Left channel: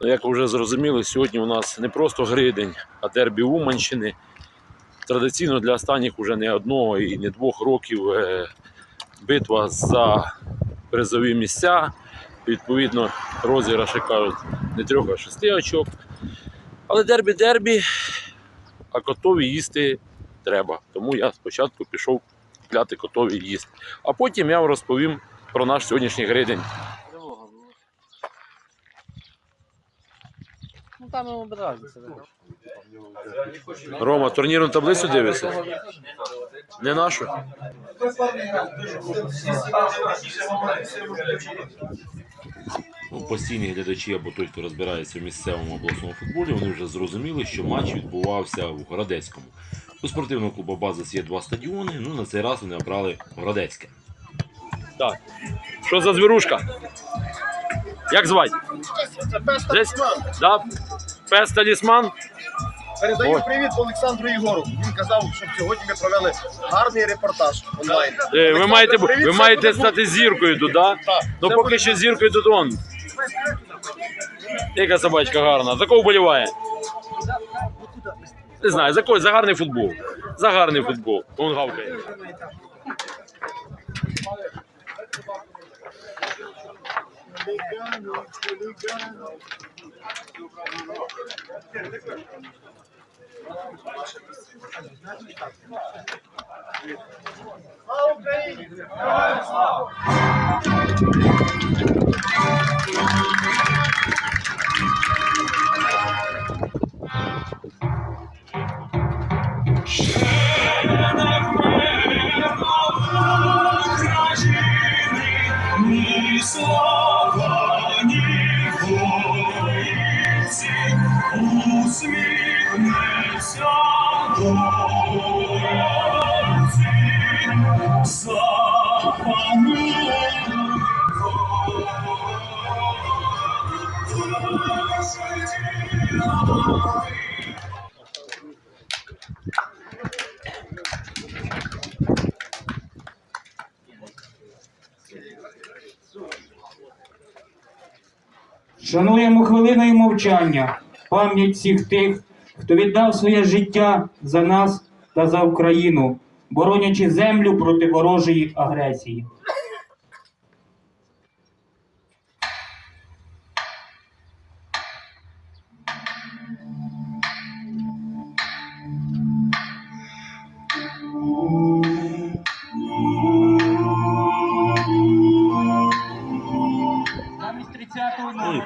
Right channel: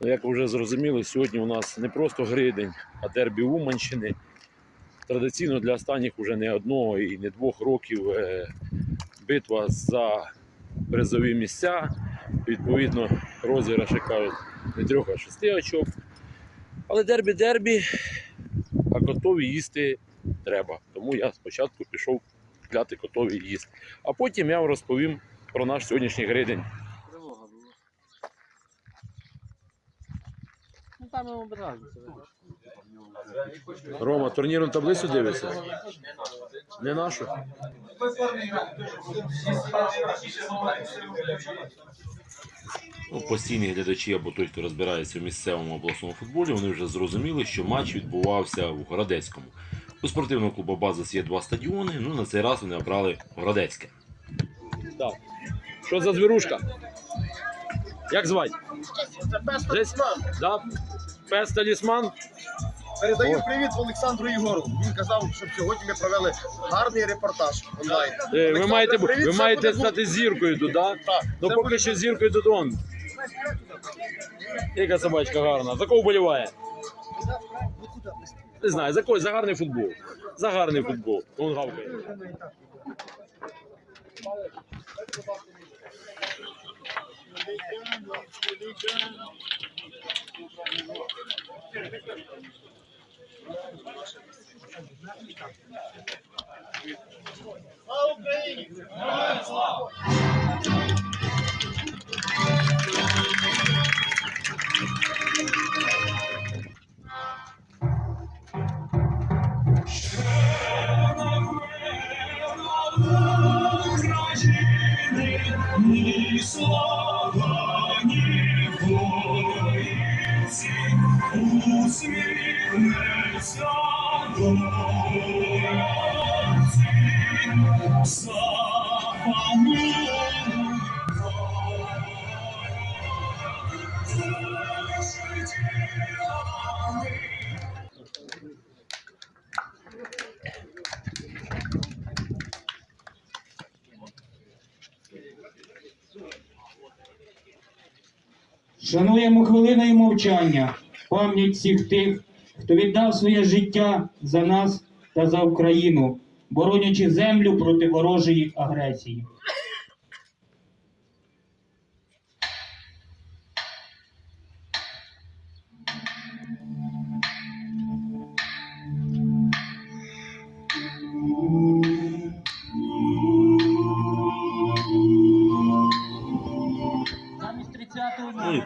Ну, Як ви вже зрозуміли, сьогодні у нас не просто гридень, а дербі Уманщини. Традиційно для останніх уже не одного і не двох років е, битва за призові місця. Відповідно, розіграші кажуть не трьох, а шести очок. Але дербі дербі, а котові їсти треба. Тому я спочатку пішов кляти котові їсти. А потім я вам розповім про наш сьогоднішній гридень. Тривога була. Ну там йому без разниці. Рома, турнірну таблицю дивишся? Не нашу? Ну, постійні глядачі або той, хто розбирається в місцевому обласному футболі, вони вже зрозуміли, що матч відбувався в Городецькому. У спортивного клубу Базис є два стадіони. Ну на цей раз вони обрали Городецьке. Так. Що за звірушка? Як звати? Це пес талісман. Да? Пес талісман? Передаю Ой. привіт Олександру Ігору. Він казав, щоб сьогодні ми провели гарний репортаж онлайн. Е, Ви Олександр, маєте, бу- привіт, ви це маєте буде стати зіркою тут, так? Так, Ну це поки буде що зіркою тут он. Яка собачка гарна. За кого вболіває? Не знаю, за кого? За гарний футбол. За гарний футбол. Он гавкає. Слава Україні! Шануємо хвилиною мовчання пам'ять всіх тих, хто віддав своє життя за нас та за Україну, боронячи землю проти ворожої агресії.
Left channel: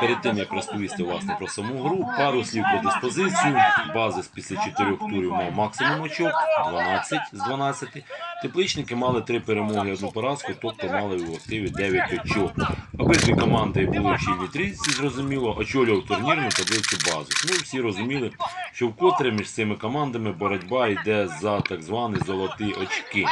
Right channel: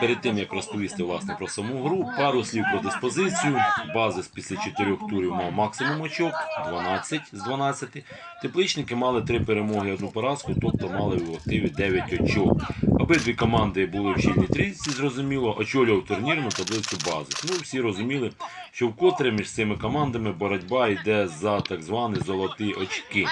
Перед тим як розповісти власне про саму гру, пару слів про диспозицію. Базис після чотирьох турів мав максимум очок 12 з 12. Тепличники мали три перемоги, одну поразку, тобто мали в активі 9 очок. Обидві команди були в щільній трійці, зрозуміло, очолював турнірну таблицю базис. Ну всі розуміли, що вкотре між цими командами боротьба йде за так звані золоті очки.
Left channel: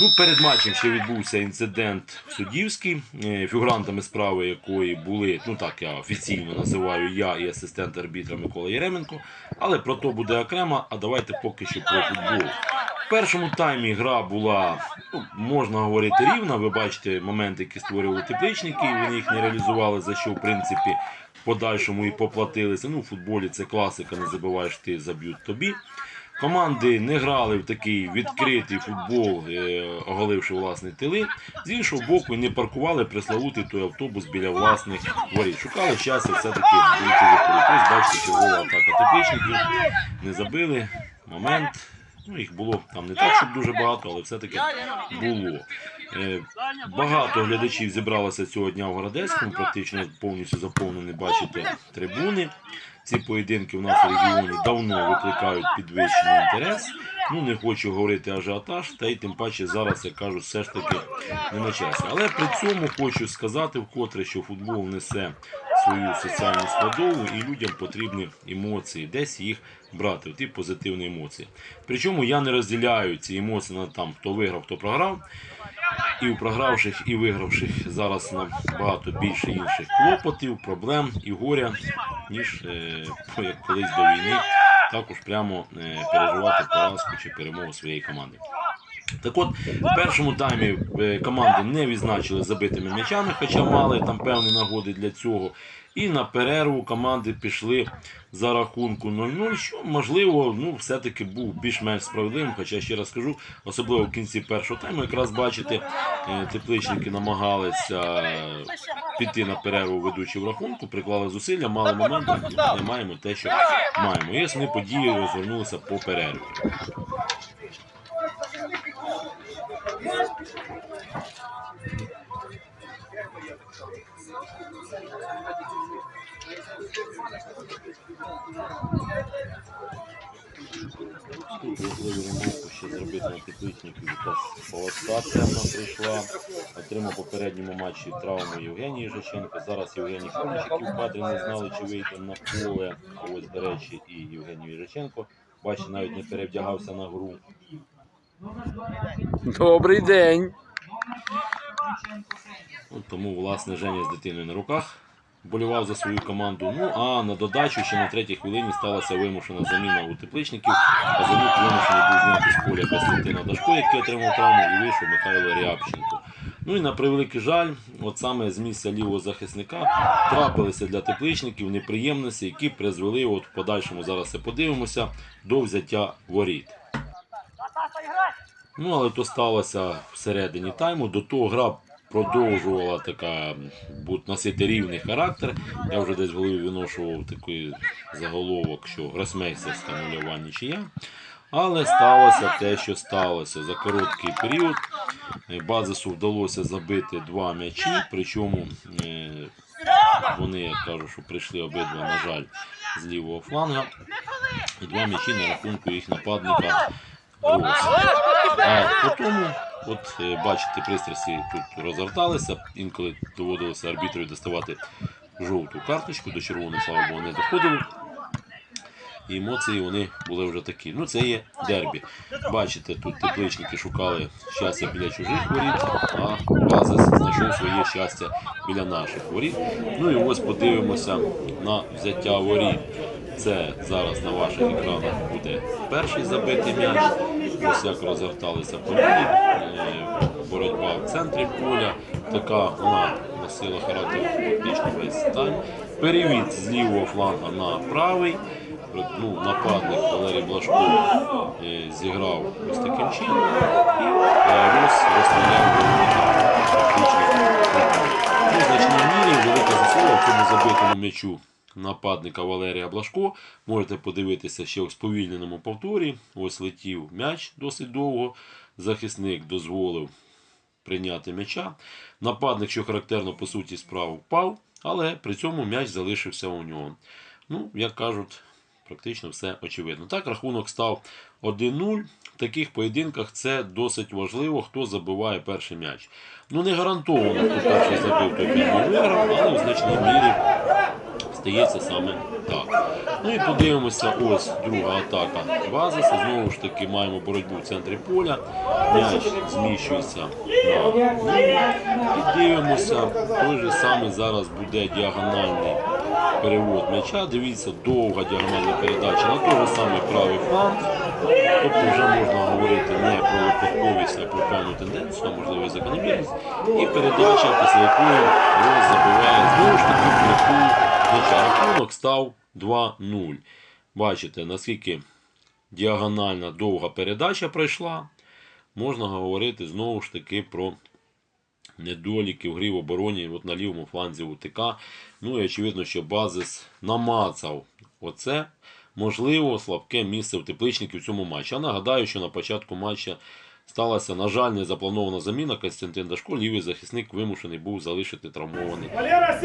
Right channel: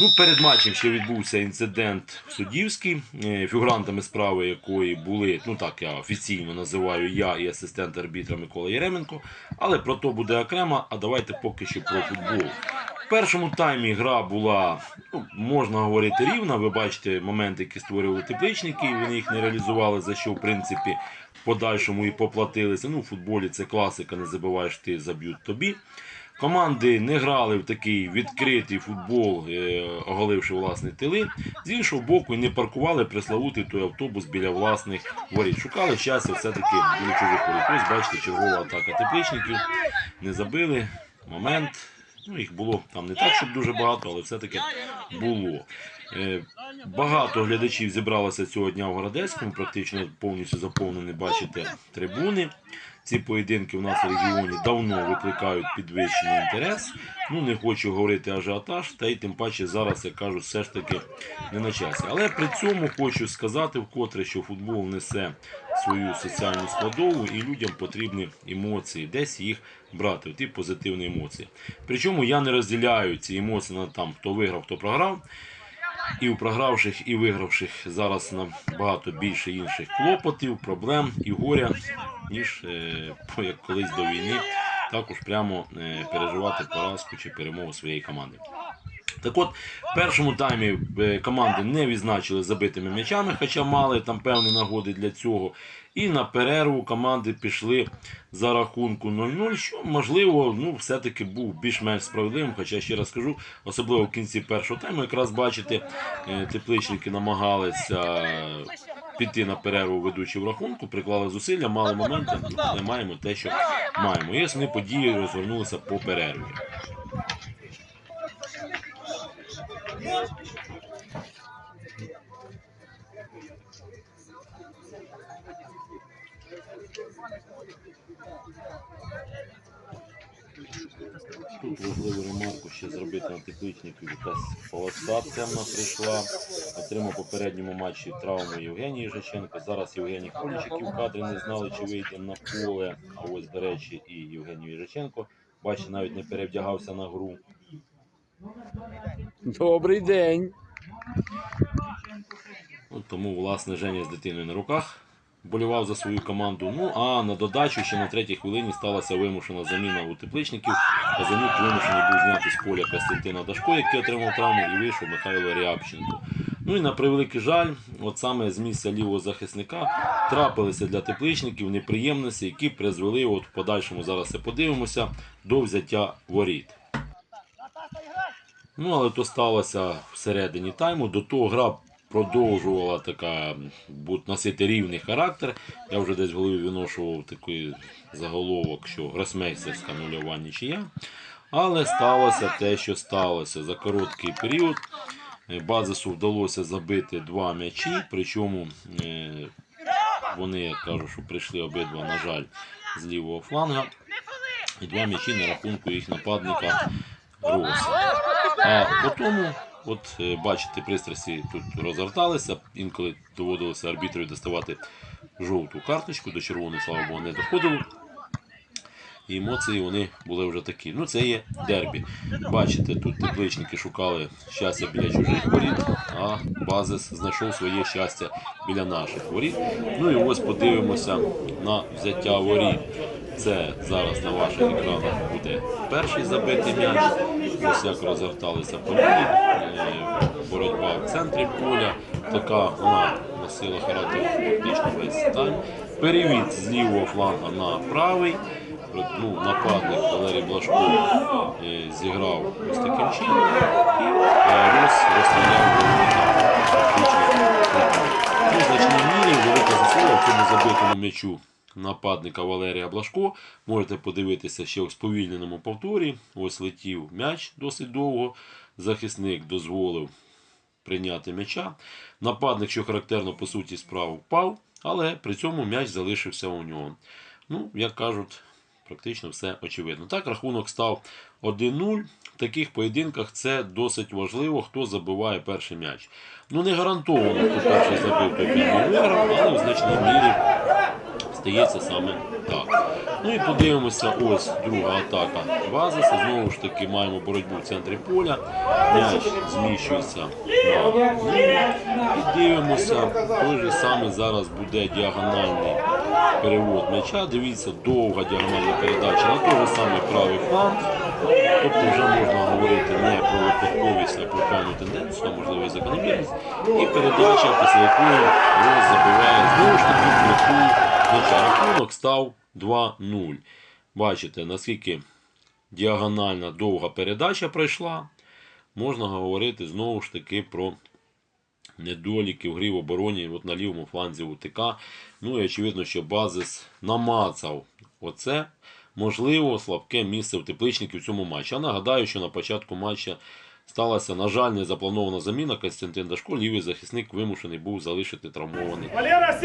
Ну, перед матчем ще відбувся інцидент суддівський, е, фігурантами справи якої були, ну так я офіційно називаю я і асистент арбітра Микола Єременко. Але про то буде окремо. А давайте поки що про футбол. В першому таймі гра була, ну, можна говорити, рівна. Ви бачите моменти, які створювали тепличники, і вони їх не реалізували, за що в принципі в подальшому і поплатилися. Ну, в футболі це класика, не забуваєш ти, заб'ють тобі. Команди не грали в такий відкритий футбол, е, оголивши власні тили. З іншого боку, не паркували преславутий той автобус біля власних воріт. Шукали щастя все-таки чужих воріт. Ось бачите, чергова атака тепличників. Не забили. Момент. Ну, їх було там не так, щоб дуже багато, але все-таки було. Е, Багато глядачів зібралося цього дня в Городецькому, практично повністю заповнені, бачите, трибуни. Ці поєдинки у нас в регіоні давно викликають підвищений інтерес. Ну не хочу говорити ажіотаж, та й тим паче зараз я кажу, все ж таки не на часі. Але при цьому хочу сказати вкотре, що футбол несе свою соціальну складову і людям потрібні емоції, десь їх брати, ті позитивні емоції. Причому я не розділяю ці емоції на там хто виграв, хто програв. І у програвших, і вигравших зараз набагато більше інших клопотів, проблем і горя, ніж е, як колись до війни, також прямо е, переживати поразку чи перемогу своєї команди. Так от, в першому таймі е, команди не відзначили забитими м'ячами, хоча мали там певні нагоди для цього. І на перерву команди пішли за рахунку 0-0, що можливо ну, все-таки був більш-менш справедливим. Хоча ще раз скажу, особливо в кінці першого тайму, якраз бачите, е, тепличники намагалися піти на перерву ведучі в рахунку, приклали зусилля, мали моменти, але маємо те, що маємо. І основні події розгорнулися по перерві. Тут важливу ремарку ще зробити на тепличників. Якась полоса темна прийшла. Отримав попередньому матчі травму Євгеній Їжаченко. Зараз Євгеній Кулічик в кадрі не знали, чи вийде на поле. А ось, до речі, і Євгеній Їжаченко. Бачите, навіть не перевдягався на гру. Добрий день. От тому, власне, Женя з дитиною на руках болював за свою команду. Ну а на додачу ще на третій хвилині сталася вимушена заміна у тепличників. Казанюк вимушений був зняти з поля Костянтина Дашко, який отримав травму, і вийшов Михайло Рябченко. Ну і на превеликий жаль, от саме з місця лівого захисника трапилися для тепличників неприємності, які призвели, от в подальшому зараз це подивимося, до взяття воріт. Ну, але то сталося всередині тайму. До того гра продовжувала така носити рівний характер. Я вже десь в голові виношував такий заголовок, що гросмейстерська нульова нічия. Але сталося те, що сталося. За короткий період е, Базису вдалося забити два м'ячі, причому е, вони, як кажу, що прийшли обидва, на жаль, з лівого фланга. І два м'ячі на рахунку їх нападника Роса. А потім, от е, бачите, пристрасті тут розгорталися, інколи доводилося арбітрові доставати жовту карточку, до червоної, слава Богу, не доходило. І емоції вони були вже такі. Ну, це є дербі. Бачите, тут тепличники шукали щастя біля чужих воріт, а Базис знайшов своє щастя біля наших воріт. Ну і ось подивимося на взяття воріт. Це зараз на ваших екранах буде перший забитий м'яч. Ось як розгорталися події. Боротьба в центрі поля. Така вона носила характер фактично весь тайм. Перевід з лівого фланга на правий. Ну, нападник Валерій Блашко е, зіграв ось таким чином. І е, Рос розстріляв фактично. В значній мірі велика заслуга в цьому забитому м'ячу нападника Валерія Блашко. Можете подивитися ще в сповільненому повторі. Ось летів м'яч досить довго. Захисник дозволив прийняти м'яча. Нападник, що характерно по суті справ, впав, але при цьому м'яч залишився у нього. Ну, як кажуть, практично все очевидно. Так, рахунок став 1-0. В таких поєдинках це досить важливо, хто забиває перший м'яч. Ну, не гарантовано, хто перший забив, той виграв, але в значній мірі стається саме так. Ну і подивимося, ось друга атака Базиса. Знову ж таки маємо боротьбу в центрі поля. М'яч зміщується на. І дивимося, той же самий зараз буде діагональний перевод м'яча. Дивіться, довга діагональна передача на той же самий правий фланг. Тобто вже можна говорити не про випадковість, а про певну тенденцію, а можливо і закономірність. І передача, після якої забиває знову ж таки притул м'яча. Рахунок став 2-0. Бачите, наскільки діагональна довга передача пройшла. Можна говорити знову ж таки про недоліки в грі в обороні от на лівому фланзі УТК. Ну і очевидно, що базис намацав оце можливо слабке місце в тепличників в цьому матчі. А нагадаю, що на початку матча сталася, на жаль, незапланована заміна. Костянтин Дашко, лівий захисник, вимушений був залишити травмований. Валера,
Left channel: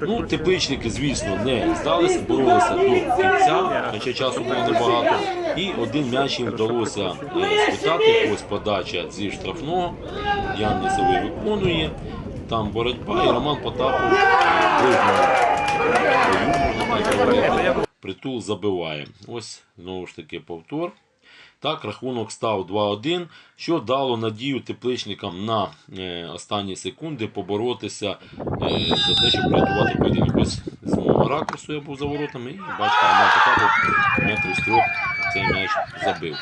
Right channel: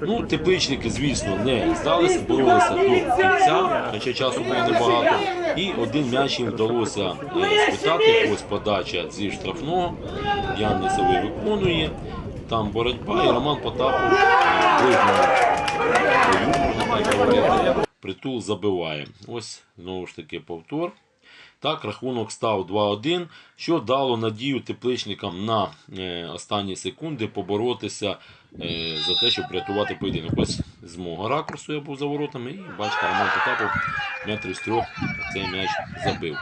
Ну, тепличники, звісно, не здалися, боролися до кінця, хоча часу було небагато. І один м'яч їм вдалося е, спитати. Ось подача зі штрафного. Ян Лісовий виконує. Там боротьба, і Роман Потапов. Притул забиває. Ось знову ж таки повтор. Так, рахунок став 2-1, що дало надію тепличникам на е, останні секунди поборотися е, за те, щоб врятувати поєдинок. Ось з мого ракурсу я був за воротами, і бачите, Роман Потапов метрів з трьох цей м'яч забив.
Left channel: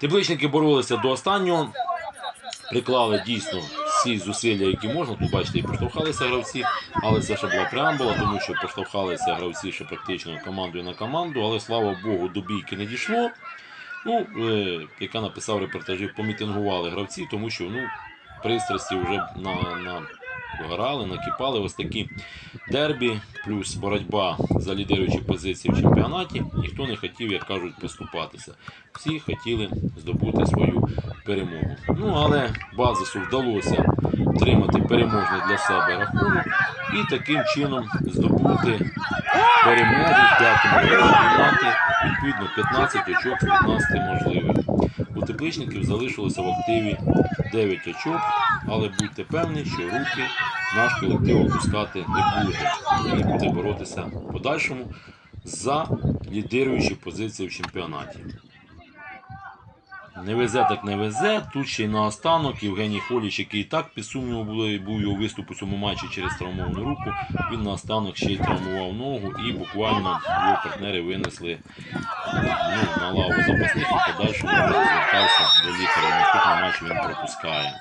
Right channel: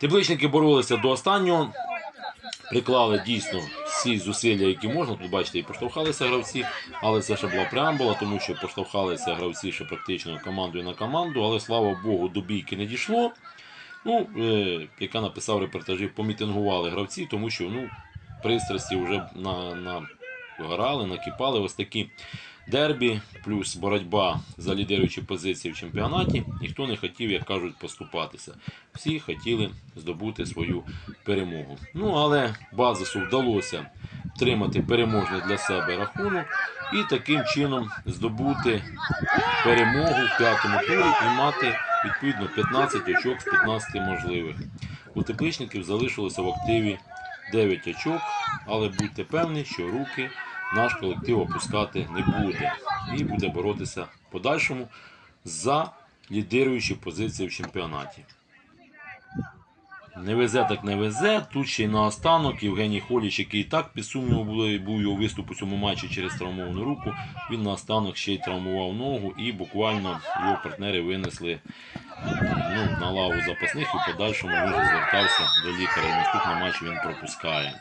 Тепличники боролися до останнього, приклали дійсно всі зусилля, які можна. Тут бачите, і поштовхалися гравці, але це ще була преамбула, тому що поштовхалися гравці ще практично командою на команду, але слава Богу, до бійки не дійшло. Ну, е, яка написав репортажі, помітингували гравці, тому що ну, пристрасті вже на, на горали, накипали ось такі дербі, плюс боротьба за лідируючі позиції в чемпіонаті. Ніхто не хотів, як кажуть, поступатися. Всі хотіли здобути свою перемогу. Ну, але базису вдалося отримати переможний для себе рахунок і таким чином здобути перемогу в п'ятому турі і мати відповідно 15 очок з 15 можливих. У тепличників залишилося в активі 9 очок, але будьте певні, що руки наш колектив опускати не буде і буде боротися в подальшому за лідируючі позиції в чемпіонаті. Не везе так не везе. Тут ще й наостанок Євгеній Холіч, який і так під сумнівом був його виступ у цьому матчі через травмовану руку. Він наостанок ще й травмував ногу і буквально його партнери винесли ну, на лаву запасних і подальшому він звертався до лікаря. Наступний матч він пропускає.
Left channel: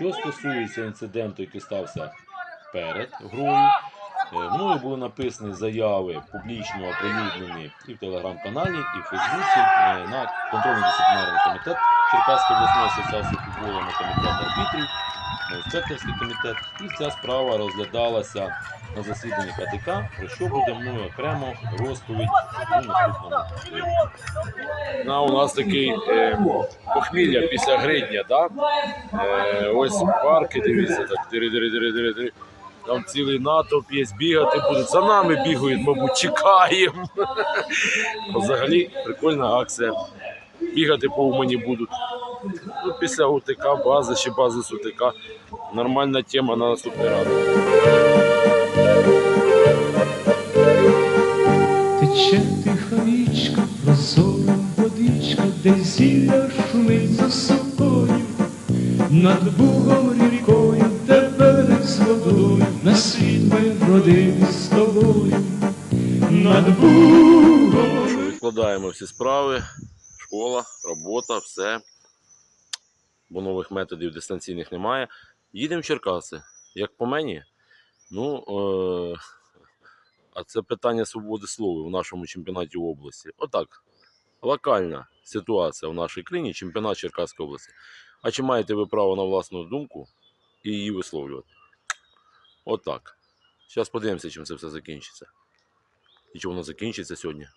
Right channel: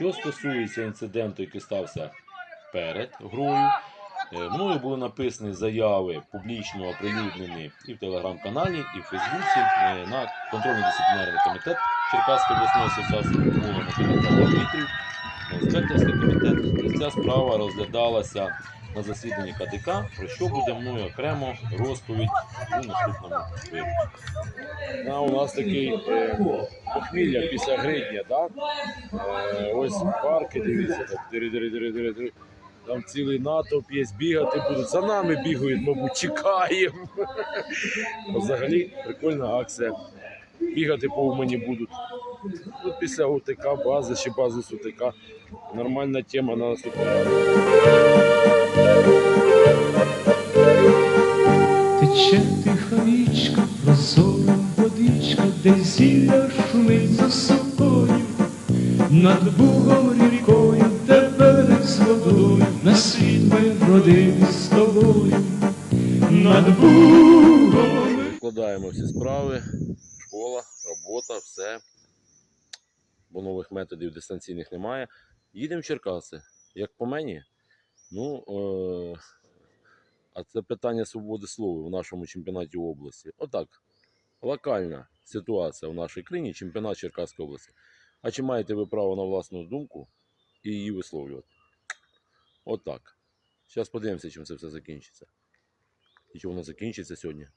Що стосується інциденту, який стався перед грою, е, мною були написані заяви публічно оприлюднені і в телеграм-каналі, і в Фейсбуці е, на контрольно-дисциплінарний комітет Черкаської обласної асоціації футболу на комітет арбітрів, на комітет. Ця справа розглядалася на засіданні КДК, про що буде мною окремо розповідь у наступному випуску. На, у нас такий е, похмілля після гридня, да? Е, ось парки, дивіться, так дири, дири, дири, дири, дири. Там цілий натовп є, бігати будуть. За нами бігають, мабуть, чекаємо. Взагалі прикольна акція. Бігати по Умані будуть. Ну, після УТК, бази чи бази з УТК. Нормальна тема на наступний раз. Тече тиха річка, прозора водичка, де зілля шумить за собою, над бугом рікою, де берег з водою, на світ ми родини з тобою, над бугом. Складаємо всі справи, Бо нових методів дистанційних немає. Їдемо в Черкаси. Як по мені, ну, е- а це питання свободи слова в нашому чемпіонаті області. Отак. Локальна ситуація в нашій країні, чемпіонат Черкаської області. А чи маєте ви право на власну думку і її висловлювати? Отак. Зараз подивимося, чим це все закінчиться. І чи воно закінчиться сьогодні.